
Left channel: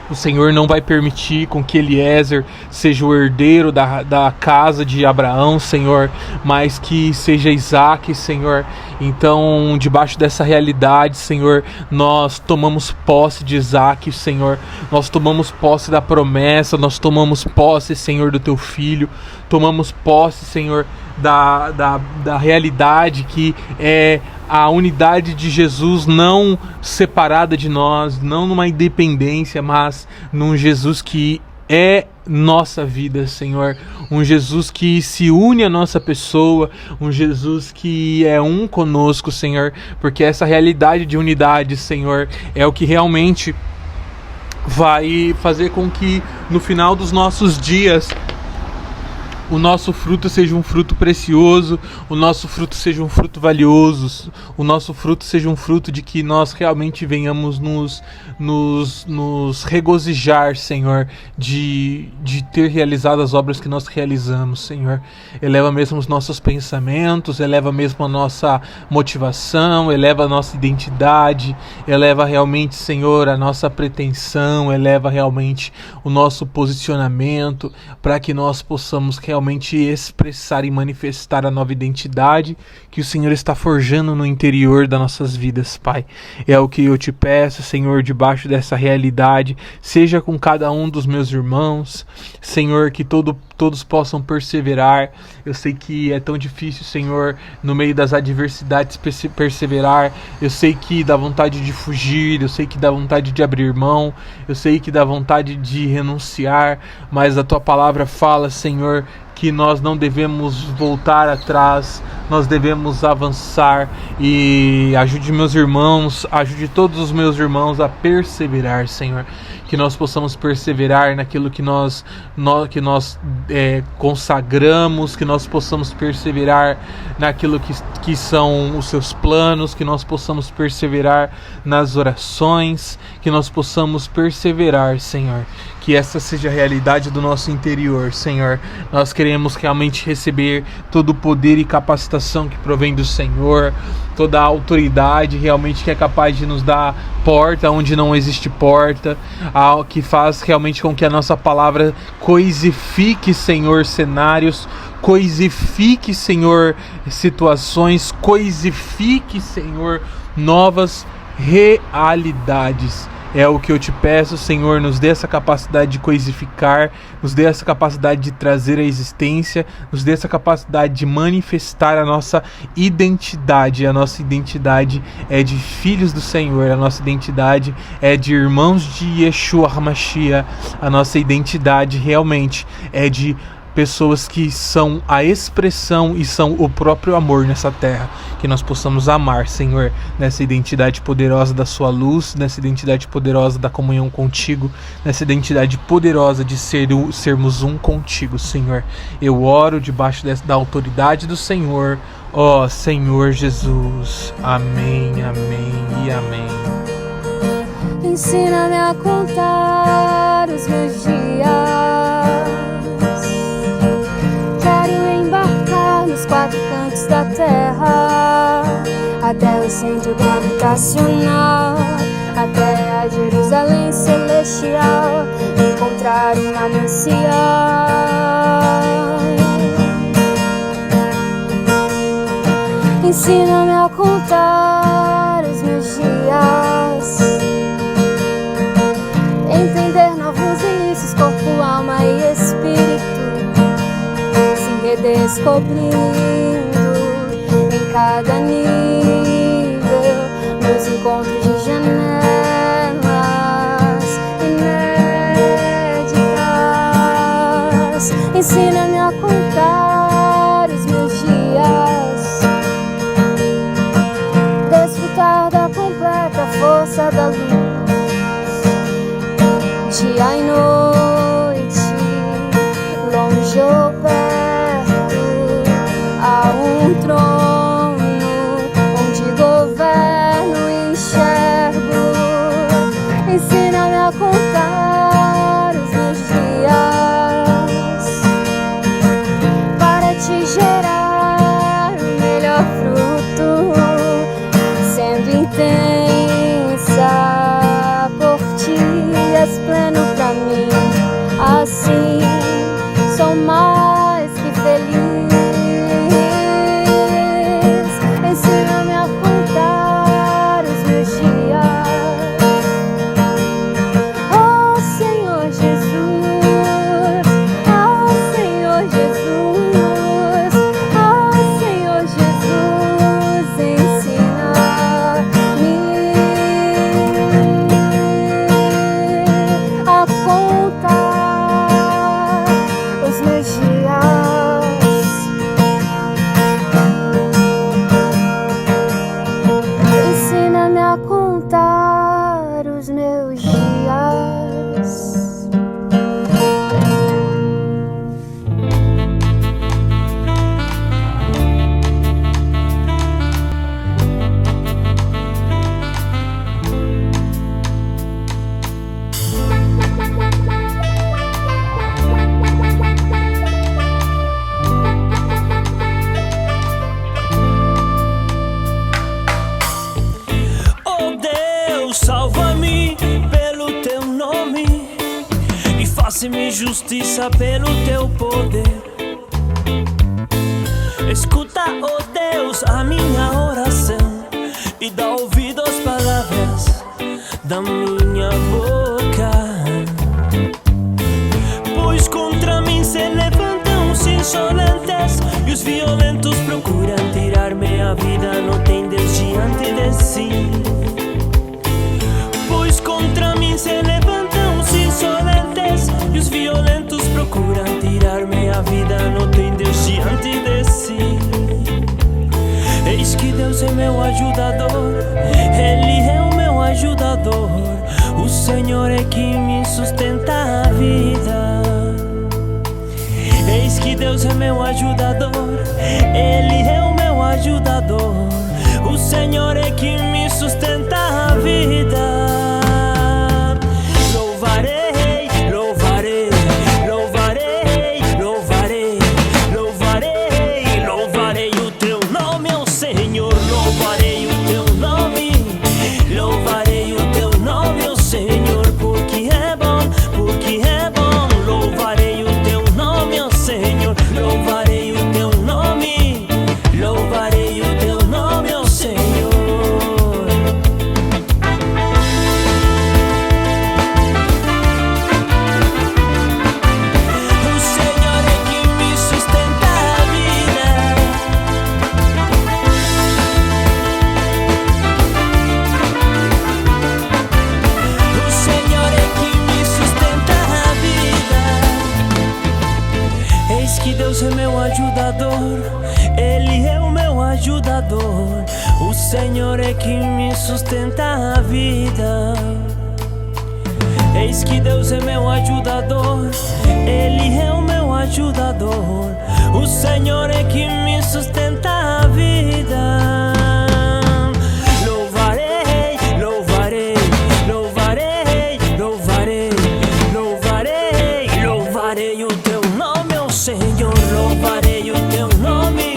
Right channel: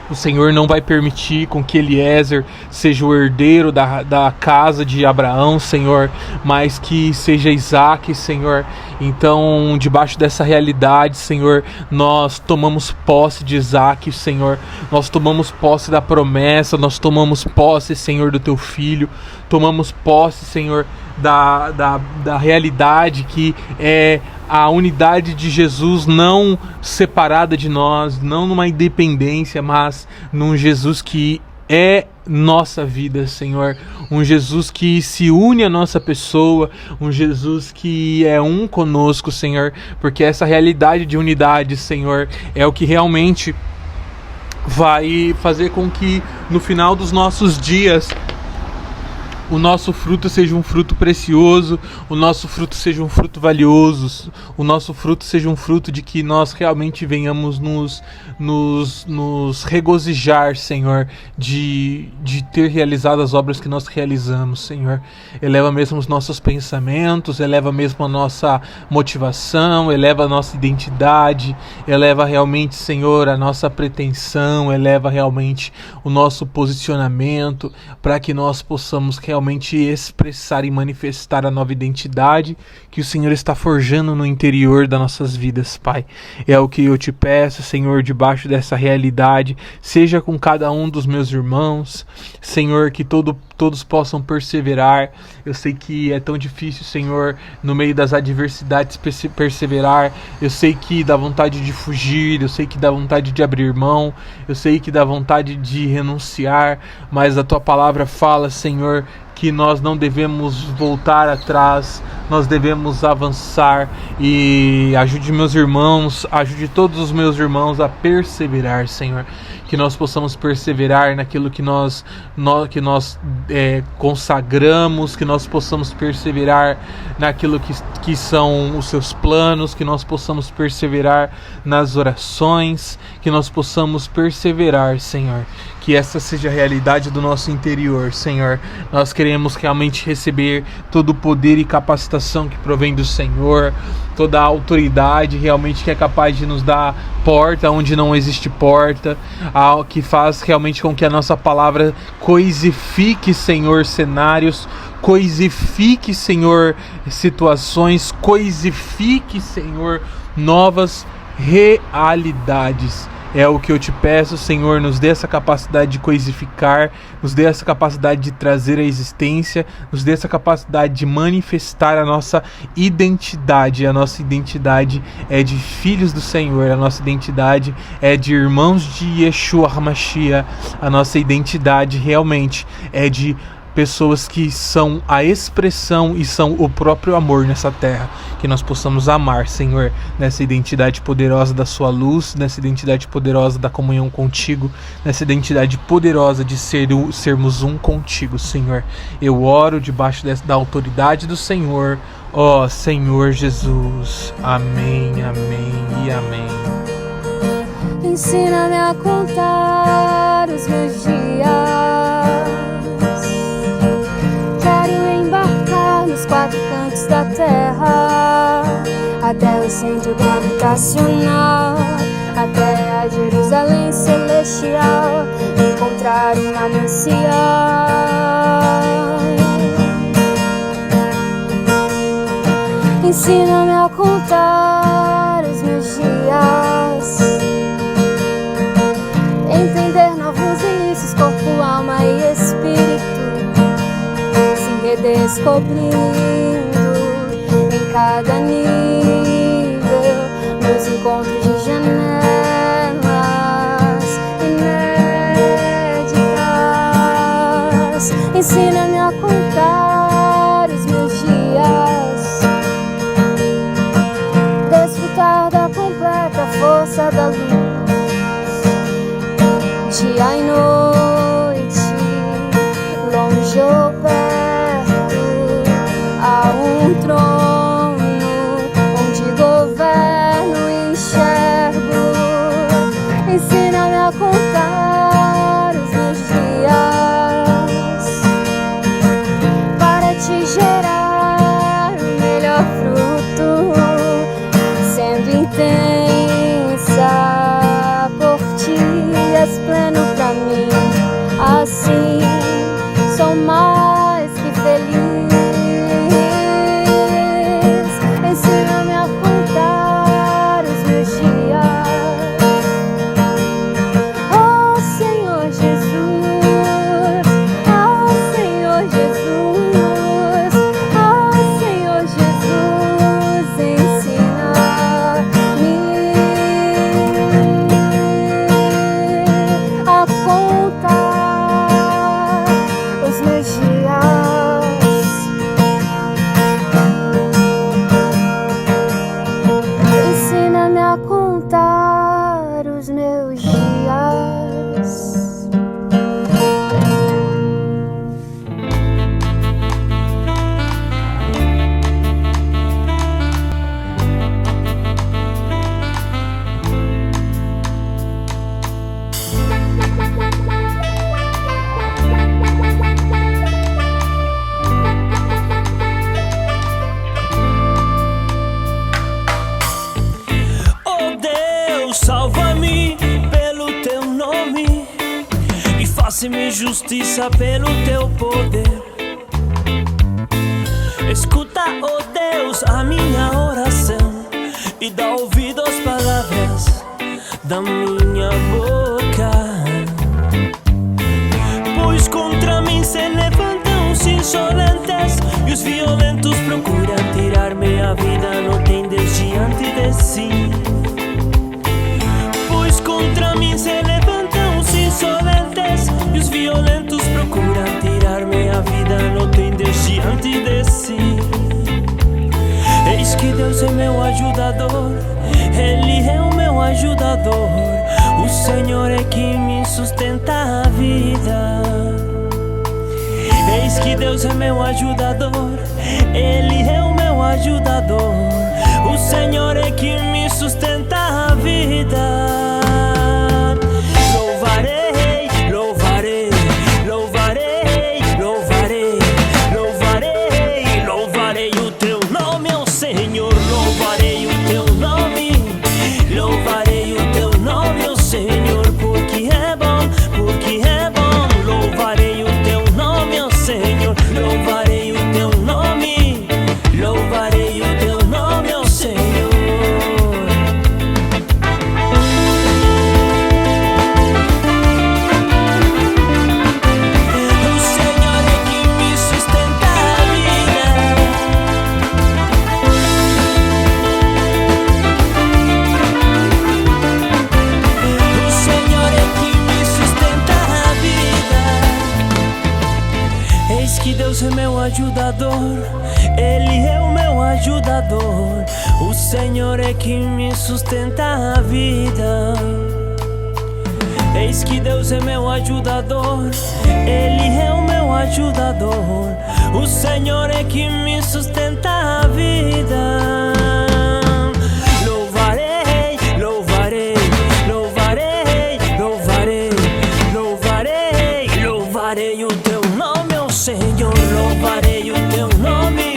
o Senhor não vai permitir com que Eliezer seja o herdeiro da casa de Abraão, Senhor, mas que seja Isaac, Senhor. Então, debaixo dessa realidade, Senhor, nós tomamos posse de Isaac, Senhor. Nós tomamos posse da promessa, nós tomamos posse, Senhor, do Teu Filho. Tomamos posse, Senhor, da realidade que é a unidade de Jesus não separada de nós, não numa independência, mas num Jesus que é nossa vida, Senhor. Um Jesus que se une à nossa pessoa, um Jesus que é um conosco, Senhor, porque essa realidade de unidade, Senhor, é o que realmente vai fazer com que no final dos nossos dias o nosso fruto seja um fruto precioso, o nosso fruto seja um fruto valioso, o nosso fruto seja um fruto de que nós realmente venhamos nos regozijar, Senhor, de ter realizado as obras que nós realizamos, Senhor. Eleva mesmo os nossos pensamentos, eleva mesmo a nossa motivação, eleva a nossa identidade, eleva realmente, Senhor, a nossa pretensão, eleva realmente o nosso posicionamento, para que nós possamos realmente expressar e manifestar a nova identidade que o Senhor está forjando no interior das nossas vidas, Pai. É o que eu Te peço, Senhor, debaixo dessa realidade, seja com cada um dos meus irmãos, Senhor, que todos possam perseverar. Eu sei que é tão difícil, Senhor, no meio das adversidades perseverar. Eu sei que dá vontade de fugir, eu sei que dá vontade de abrir mão, eu sei que dá vontade de renunciar, mas a Tua palavra fala, Senhor, que nós não devemos voltar atrás, nós devemos avançar. E ajude meus irmãos, ajude todos os meus irmãos a perseverar, Senhor. Que nós possamos perseverar naquilo que nós consagramos, que nós possamos perseverar naquilo que são os Seus planos, que nós possamos perseverar nas orações, que nós possamos perseverar, Senhor. Que essa seja a realidade do nosso interior, Senhor. Nós queremos realmente receber todo o poder e capacitação que provém do Senhor, toda a autoridade realmente que é capaz de nos dar porta onde não existe porta, que faz realmente com que a nossa palavra coisifique, Senhor, cenários, coisifique, Senhor, situações, coisifique, Senhor, novas realidades. É o que eu Te peço, Senhor, nos dê essa capacidade de coisificar, nos dê essa capacidade de trazer a existência, nos dê essa capacidade de manifestar a nossa identidade. A nossa identidade é de filhos do Senhor, a nossa identidade é de irmãos de Yeshua HaMashiach, a nossa identidade realmente é de pessoas que são a expressão e são o próprio amor nessa terra. Que nós possamos amar, Senhor, nessa identidade poderosa da Sua luz, nessa identidade poderosa da comunhão contigo, nessa identidade poderosa de sermos um contigo, Senhor. Eu oro debaixo da autoridade do Senhor, ó Senhor Jesus. Amém, amém e amém. Ensina-me a contar os meus dias, nos 4 cantos da terra, até o centro gravitacional, até a Jerusalém celestial, encontrar um manancial. Ensina-me a contar os meus dias, entender novos inícios, corpo, alma e espírito, redescobrindo em cada nível, nos encontros de janelas inéditas. Ensina-me a contar os meus dias, desfrutar da completa força intensa por ti, és pleno pra mim. Assim sou mais que feliz. Ensina-me a contar os meus dias, oh Senhor Jesus, oh Senhor Jesus, oh Senhor Jesus, ensina-me a contar os meus dias. Ensina-me a contar os meus dias. Oh Deus, salva-me pelo teu nome e faça-me justiça pelo teu poder. Escuta, oh Deus, a minha oração e dá ouvido às palavras da minha boca. Pois contra mim se levantam os insolentes e os violentos procuram tirar-me a vida. Não tem Deus diante de si. Pois contra mim se levantam os insolentes e os violentos procuram tirar-me a vida. Não tem Deus diante de si. Eis que Deus é meu ajudador, Ele é o meu ajudador. O Senhor é que me sustenta a vida. Eis que Deus é meu ajudador, Ele é o meu ajudador. O Senhor é que me sustenta a vida. Louvarei, louvarei, louvarei, louvarei, louvarei, louvarei o teu nome, ó Senhor. Louvarei o teu nome, louvarei o teu nome, ó Senhor, porque é bom, porque é bom. Louvarei o teu nome, ó Senhor. Louvarei o teu nome, louvarei o teu nome, ó Senhor. O Senhor é que me sustenta a vida. O Senhor é que me sustenta a vida. Eis que Deus é meu ajudador, Ele é o meu ajudador. O Senhor é que me sustenta a vida. Eis que Deus é meu ajudador, Ele é o meu ajudador. O Senhor é que me sustenta a vida. Louvarei, louvarei, louvarei, louvarei, louvarei, louvarei o teu nome, ó Senhor. Louvarei o teu nome,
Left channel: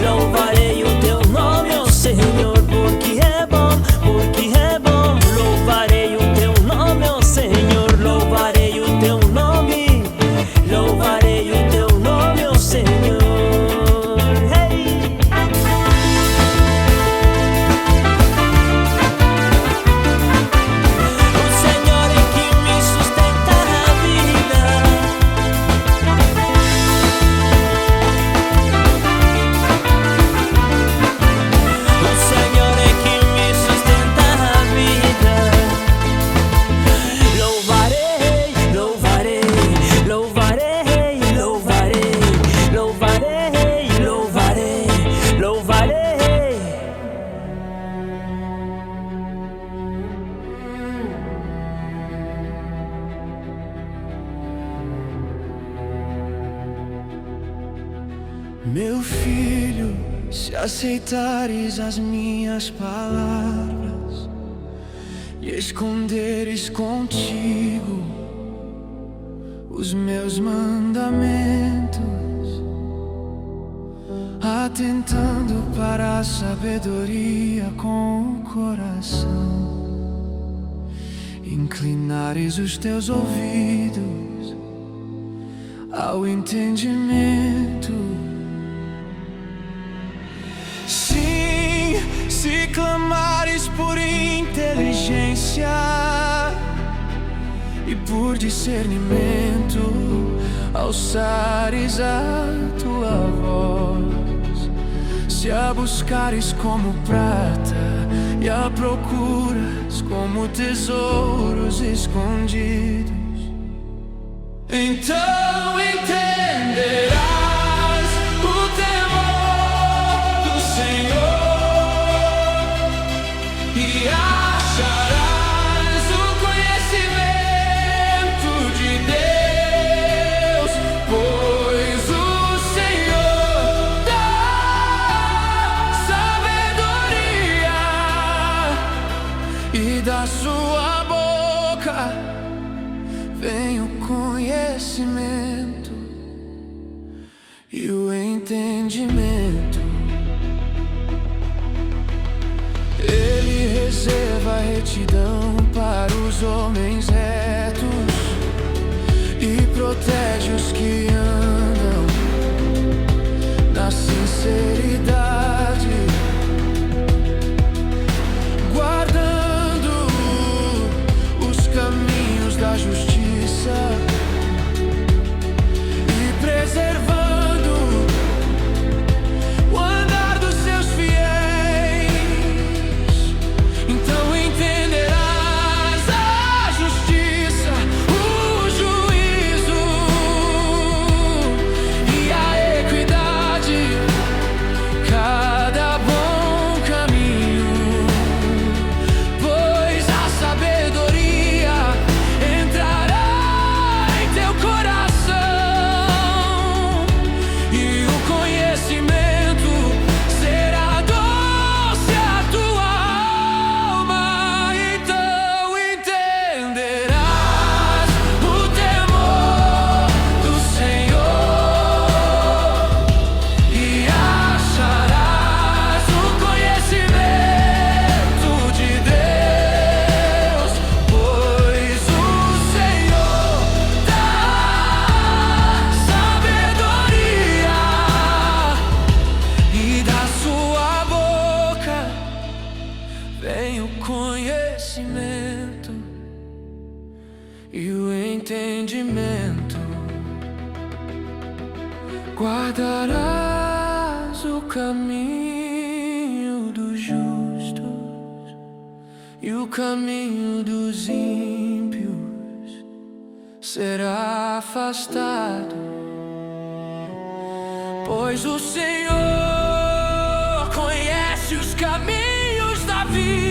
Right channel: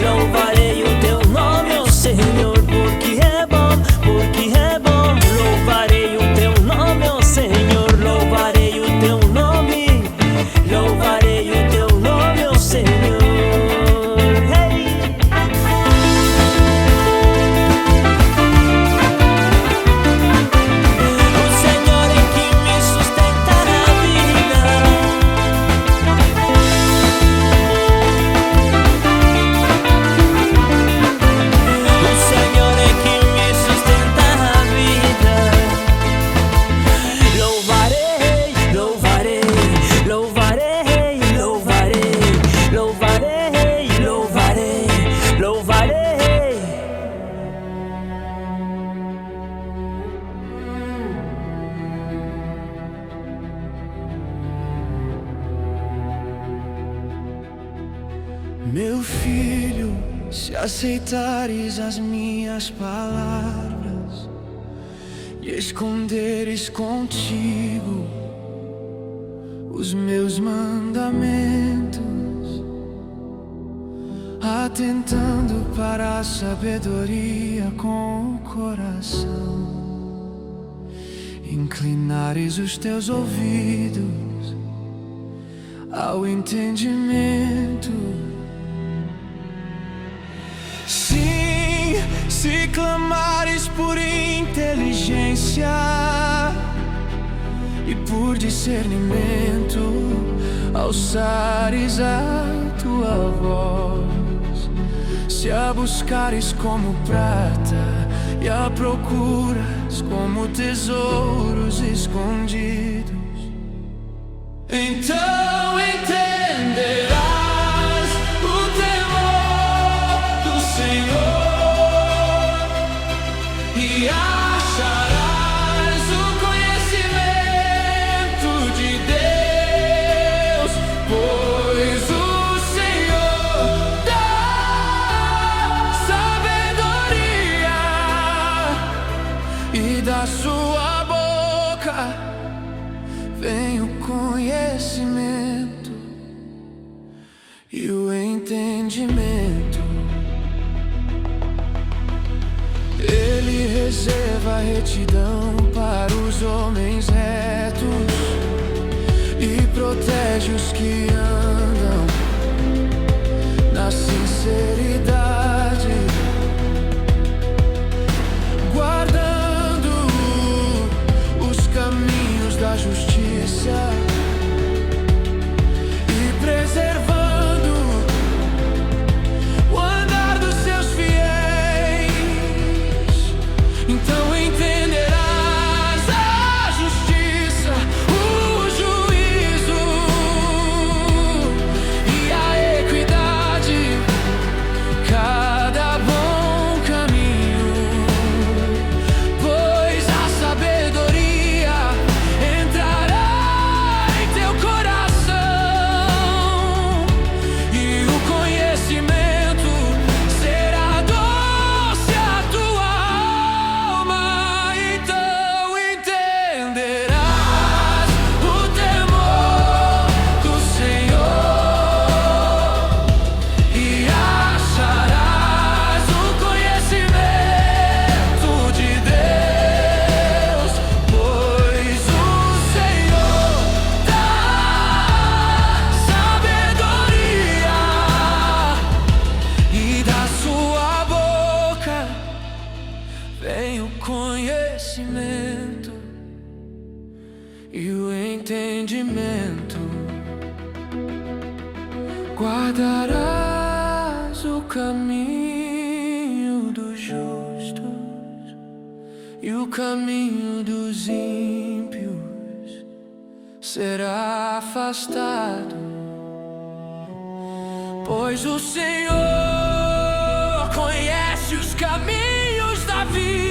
louvarei o teu nome, ó Senhor, porque é bom, porque é bom. Louvarei o teu nome, ó Senhor. Louvarei o teu nome, louvarei o teu nome, ó Senhor. Hey! O Senhor é que me sustenta a vida. O Senhor é que me sustenta a vida. Louvarei, louvarei, louvarei, louvarei, louvarei, louvarei, louvarei. Meu filho, se aceitares as minhas palavras e esconderes contigo os meus mandamentos, atentando para a sabedoria com o coração. Inclinares os teus ouvidos ao entendimento. Sim, se clamares por inteligência e por discernimento, alçares a tua voz. Se a buscares como prata e a procuras como tesouros escondidos, então entenderás o temor do Senhor e acharás o conhecimento de Deus, pois o Senhor dá sabedoria e da sua boca vem o conhecimento e o entendimento. Ele reserva a retidão para os homens retos e protege os que andam na sinceridade, guardando os caminhos da justiça e preservando o andar dos seus fiéis. Então entenderás a justiça, o juízo e a equidade, cada bom caminho, pois a sabedoria entrará em teu coração e o conhecimento será doce à tua alma. Então entenderás o temor do Senhor e acharás o conhecimento de Deus, pois o Senhor dá sabedoria e da sua boca vem o conhecimento e o entendimento. Guardarás o caminho dos justos e o caminho dos ímpios será afastado, pois o Senhor conhece os caminhos da vida